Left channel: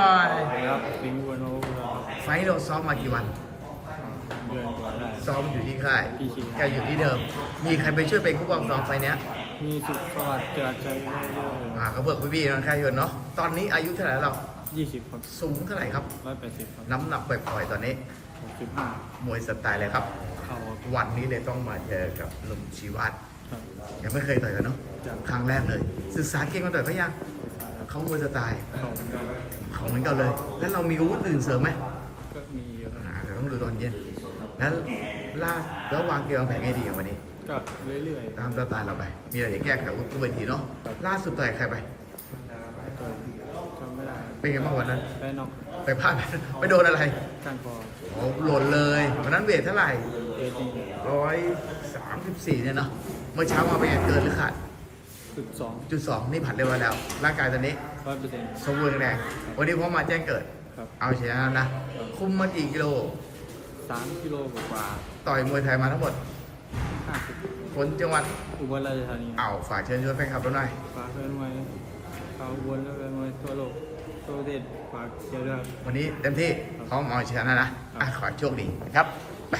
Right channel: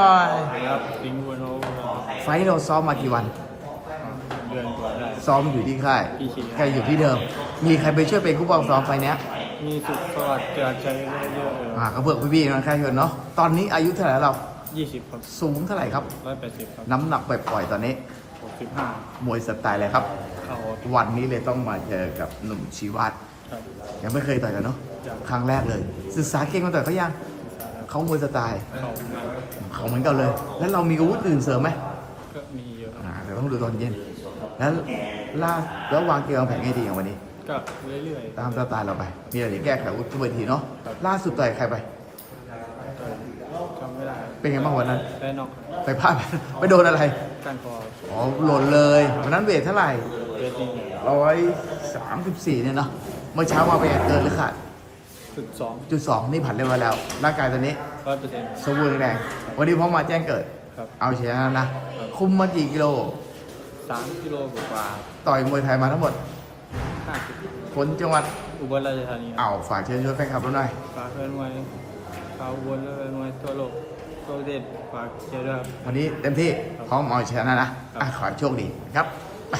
ครับสิงห์บัวโนครับไฟท์เราซ้อมมากี่วัน เดือนกว่าได้ ซ้อมอยู่ที่ค่ายพี่ชิงแกอยู่ที่เดิม มีใครไปช่วยเป็นผู้ปกครองซ้อมไฟท์เนี้ยมีสุขสวัสดิ์เกิดใจเยอะๆเลยอ่าเขาเพื่อพี่ๆนะใครเห็นเนาะ ตอนนี้อายุเท่าไหร่แล้วเรา ยี่สิบครับสูงเท่าไหร่ครับ ร้อยแปดสิบครับน้ำหนักปล่อยๆตอนนี้ หกสิบห้ามวยสไตล์อะไรครับ เข้าวันนี้เลยต้องมาเจอกับหนุ่มชีวัตครับ ยังไม่เคยต่อยกันเนาะ ยัง ครั้งแรกเลย ศึกษาเก่งมาต่อยเขายังศึกษาแล้ว เขามวยสไตล์เข้าเขาเหมือนกันเลย แล้วเรามีอาวุธอื่นเสริมไหมก็มีเยอะครับอ่าเดี๋ยวต้องดูตอนเย็นแล้วล่าแล้ววางเกมวางแผนให้ดีอย่างวันนี้ ก็เรื่อยๆตามสไตล์เราไป มีอะไรเดี๋ยวแก้ไขวุฒิเวทีเนาะครับล่าสุดต่อยใครไปต่อยจำไม่ได้เป็นไงบ้างวันนั้นแพ้นอกไปพลาดไปโดนอะไรก้านคออ๋อหล่นเลยวันนั้นเวทเท่าไหร่เยอะจริงร้อยสามสิบสี่เนี่ยเนาะเมื่อเช้ามาเป็นไงเกินหรือขาด จุดสองจุดสองนี่ผ่านเรียบร้อยแล้ว ร่างกายตอนนี้ร้อยเปอร์เซ็นต์ สมบูรณ์แรงวันนี้พร้อมมาแจ้งเกิด ครับเอาชนะนะคุมมากี่กิโล สามกิโลกว่าต่อยมวยไทยมาทั้งหมดห้าสิบคนจังหวัดอุบลราชธานีครับ เอาฝากเชิญชวนแฟนคลับเราหน่อย ฝากเพื่อนมวยชาวอุบลและเพื่อนมวยทั่วโลกทั่วประเทศฝากเชียร์ด้วยครับ วันนี้เต็มที่พร้อมเอาชนะนะอะขอให้โชคดีนะครับ